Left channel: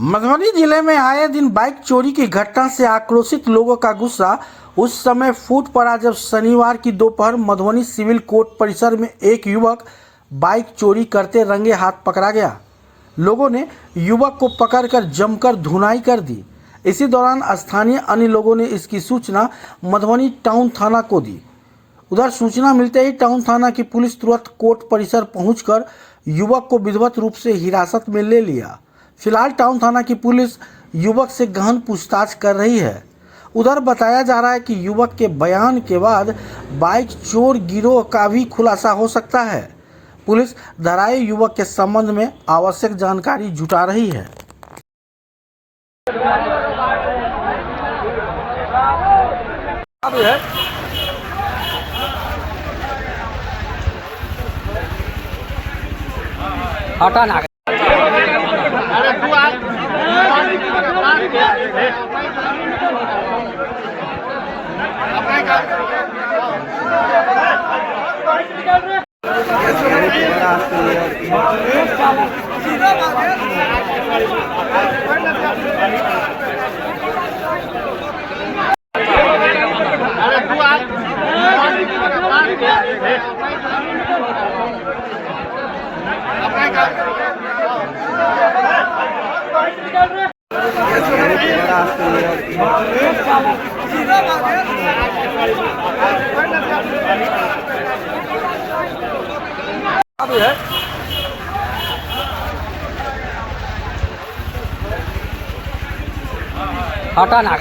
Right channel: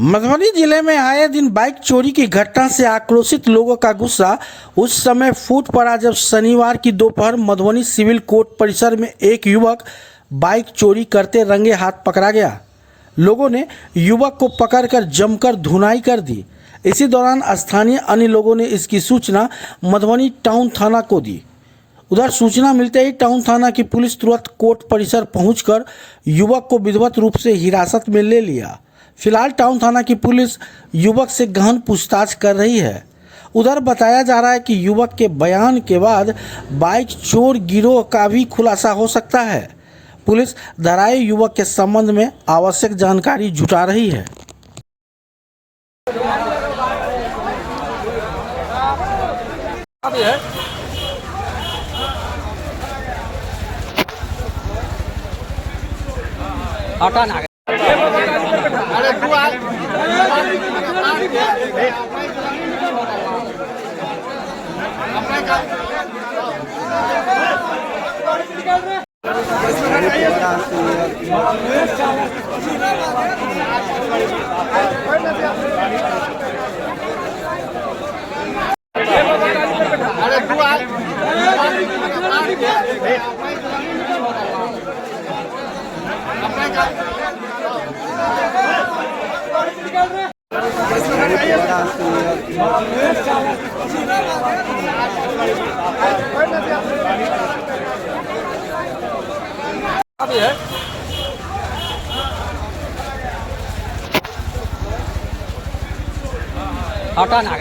मधुबनी जिले में आए दिन बाइक चोरी की घटना से आक्रोशित लोगों का गुस्सा उस समय फूट पड़ा जब शनिवार की दोपहर मधुबनी सिविल कोर्ट परिसर में एक युवक बाइक चोरी करते रंगे हाथ पकड़ा गया। लोगों ने युवक को पकड़कर जमकर धुनाई कर दी। इसी दौरान स्थानीय अन्य लोगों ने इसकी सूचना मधुबनी टाउन थाना को दी। उधर सूचना मिलते ही टाउन थाना की पुलिस तुरंत कोर्ट परिसर पहुंचकर युवक को विधिवत रूप से हिरासत में ले लिया। फिलहाल टाउन थाना की पुलिस युवक से गहन पूछताछ कर रही है। उधर बताया जा रहा है कि युवक के बयान के बाद बाइक चोर गिरोह का भी खुलासा हो सकता है। पुलिस धराए युवक के संबंध में आवश्यक जानकारी जुटा रही है। हटा ना